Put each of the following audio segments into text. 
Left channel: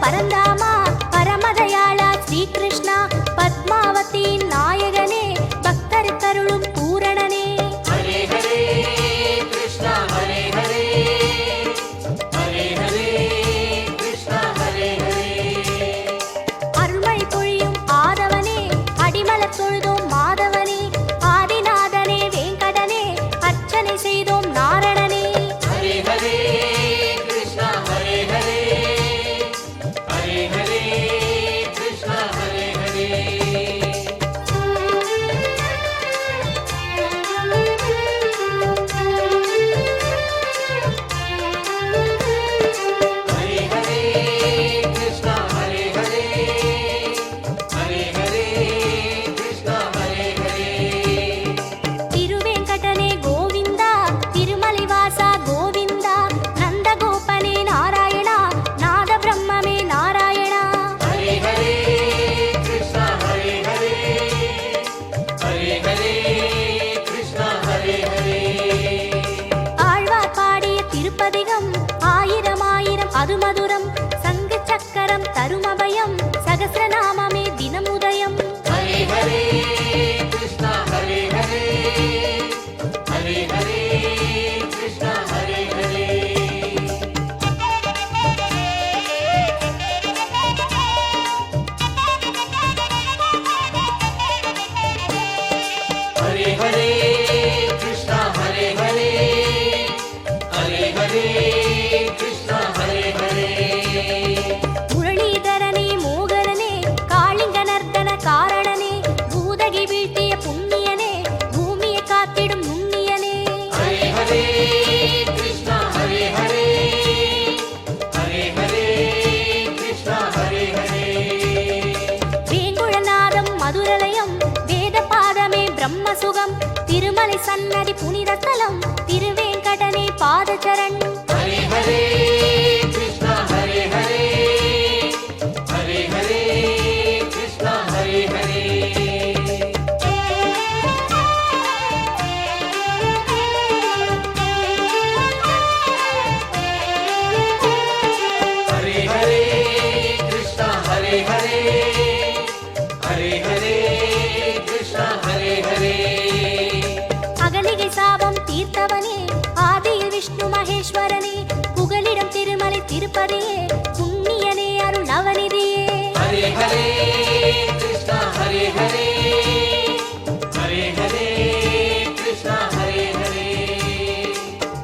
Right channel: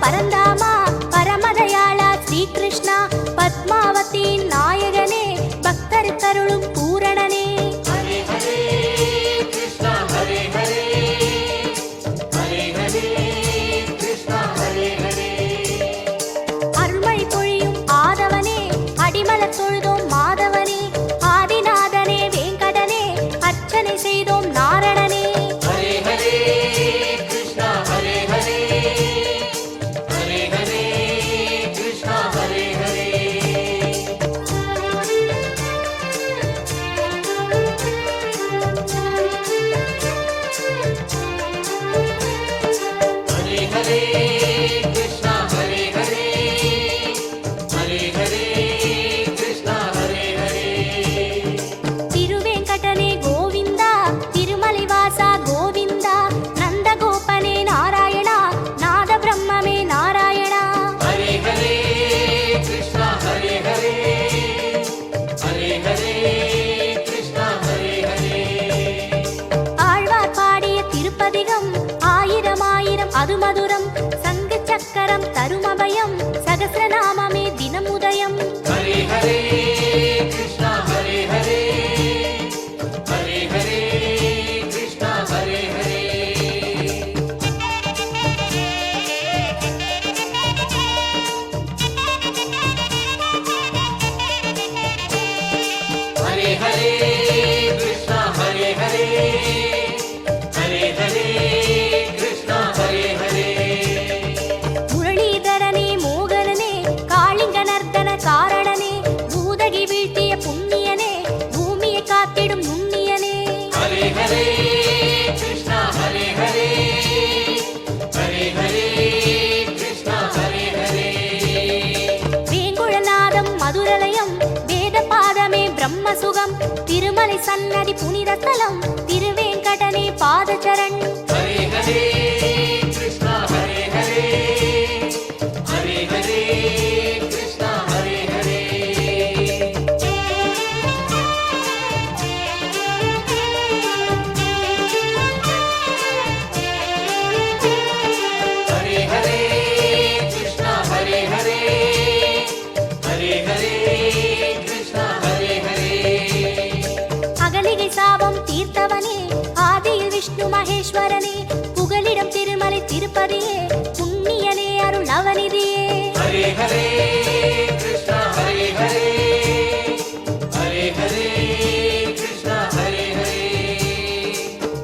பரந்தாமா பரமதயாளா ஸ்ரீகிருஷ்ணா பத்மாவதி நாயகனே பக்தர் கருளும் பூரணனே அருள்மழை பொழியும் ஆதவனே அடிமலர் தொழுதோம் மாதவனே ஆதிநாதனே வேங்கடனே அர்ச்சனை செய்தோம் நாரணனே திருப்பதிகம் ஆயிரம் ஆயிரம் அது மதுரம் சங்கு சக்கரம் தருமபயம் சகஸ்ரநாமமே தினம் உதயம் முரளிதரனே மோகனனே காளிங்க நர்தன காரணனே பூதகி வீழ்த்திய புண்ணியனே பூமியை காத்திடும் நுண்ணியனே வேங்குழநாதம் மதுரலயம் வேத பாதமே பிரம்மசுகம் திருமலை சன்னதி புனித தலம் திருவேங்கடனே பாதச்சரண் சாபம் தீர்த்தவனே ஆதியில் விஷ்ணு மகேஸ்வரனே புகலிடம் திருமலை திருப்பதியே புண்ணியனே அருள் நவநிதியே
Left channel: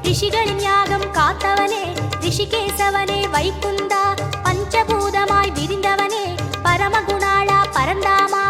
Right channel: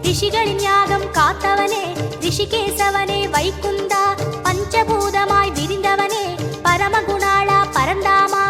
ரிஷிகளின் யாகம் காத்தவனே ரிஷிகேசவனே வைகுந்தா பஞ்சபூதமாய் விரிந்தவனே பரமகுணாளா பரந்தாமா